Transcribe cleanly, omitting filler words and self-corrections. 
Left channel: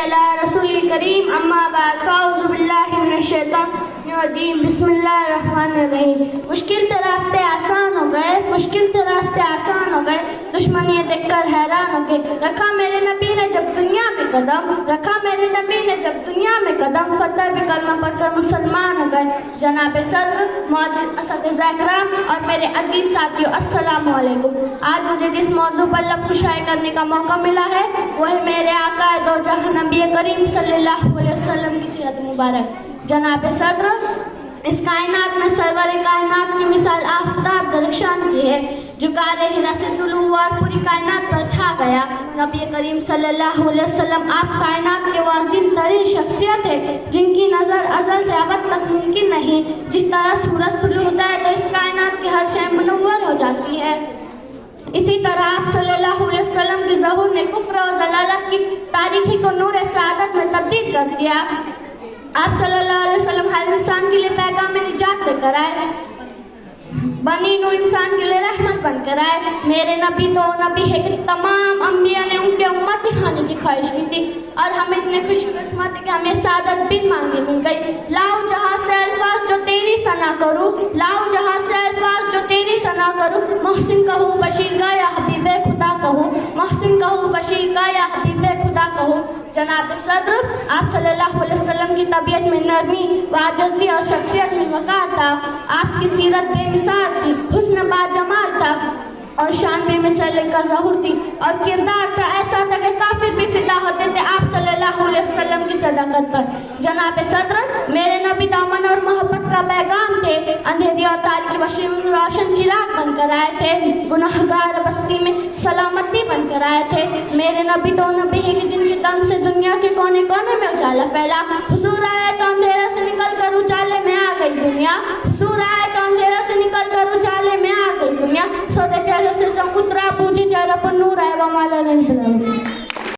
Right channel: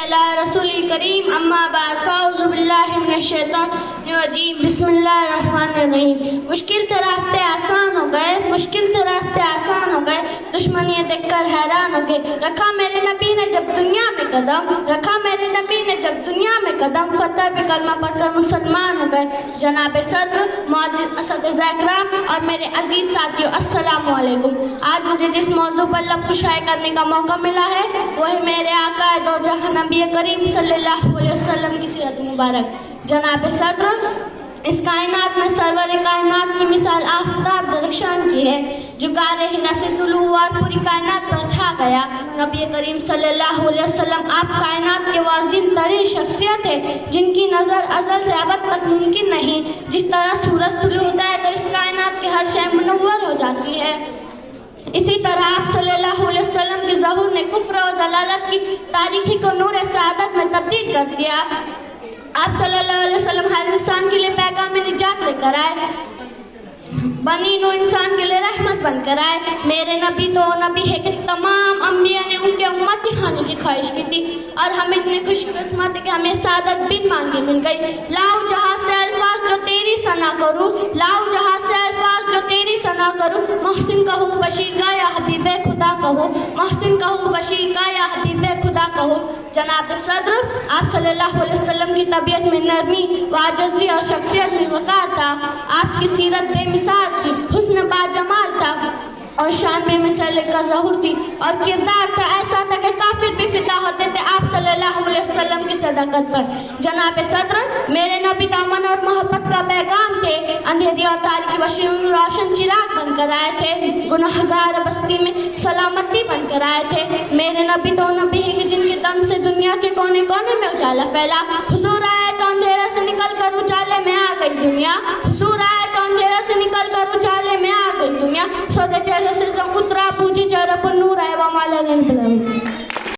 अला रसूली करीम अम्मा बाद फ़ाऊज़ु बिल्लाहि मिनश शैतानिर रजीम बिस्मिल्लाहिर रहमानिर रहीम। मुश्किल तो रास्ते आसान हो गए, मुश्किल तो रास्ते आसान हो गए, दुश्मन ये देखकर हैरान हो गए। रखा मेरे नबी ने जब दुनिया में कदम, रखा मेरे नबी ने जब दुनिया में कदम, फतर भी कलमा पढ़कर मुसलमान हो गए। जनाब सद्र, मौजूद असतिज़ा इकराम और मेरे अजीज साथियों, अस्सलामु अलैकुम। आज मुझे जिस मौजू पर लब कुशाई करने का मौका मिला है वो है मेरे आका दो जहां नबी करीम सल्लल्लाहु अलैहि वसल्लम की सीरत मुबारक। जनाब सद्र, इस कायनात में सरवर कायनात की मिसाल आफताब दरख्शान की है, जो गाने हिना से तुलू हुआ और पूरी कायनात पर छा गया। नबी करीम सल्लल्लाहु अलैहि वसल्लम आप कायनात के वाज़िम तरीन शख्सियत है, जिनकी नज़र अज़ल से अबद तक मुमकिन नहीं। जिस तरह सूरज तुलू होता है तो इस कायनात की हर शय मुनव्वर हो जाती है, इसी तरह आप सल्लल्लाहु अलैहि वसल्लम के ज़हूर ने कुफ्र और ज़लालत की तारीखी को नूर सआदत में तब्दील कर दिया। आप सल्लल्लाहु अलैहि वसल्लम हर इंसान के लिए पैगाम निजात लेकर आए, बनी नूह इंसान के लिए रहमत बनकर आए। मेरे नबी तो नबी है कि तमाम अंबिया ने उनके उम्मती खाने की ख्वाहिश की थी, और हम इतने खुशकिस्मत है कि हमें सादत बिन मांगी मिल गई। लाओ जहाँ से अल्फाज जो तेरी सना करूँ, लाओ जहाँ से अल्फाज जो तेरी सना करूँ, मोहसिन कहूँ बशीर का या हबीबे खुदा कहूँ, मोहसिन कहूँ बशीर का या हबीबे खुदा कहूँ। जनाब सद्र, आप सल्लल्लाहु अलैहि वसल्लम की तबीयत में नरमी, वाजज़ी और शख्सियत में वक़ार था। आपकी सीरत बेमिसाल थी, हुस्न बाजमाल था और शान बेमिसाल का ज़हूर थी, और किरदार का ऐसा था कि काफिर भी फिदा होते थे आप सल्लल्लाहु अलैहि वसल्लम की सदाकत पर। जनाब सद्र, मेरे नबी दामन और मोहब्बत का पैगाम थे, अंधेरी और तारीकी बशीर रोशन चिराग बनकर आए थे, गुनहगार बस्ती में सलामती बनकर आए थे। मेरे नबी तो नबी हैं कि जिनके दम से दुनिया के कोने कोने में उजाला फैला। हुजूर आए तो अंधेरा से निकल कर उजाले में आ गई दुनिया,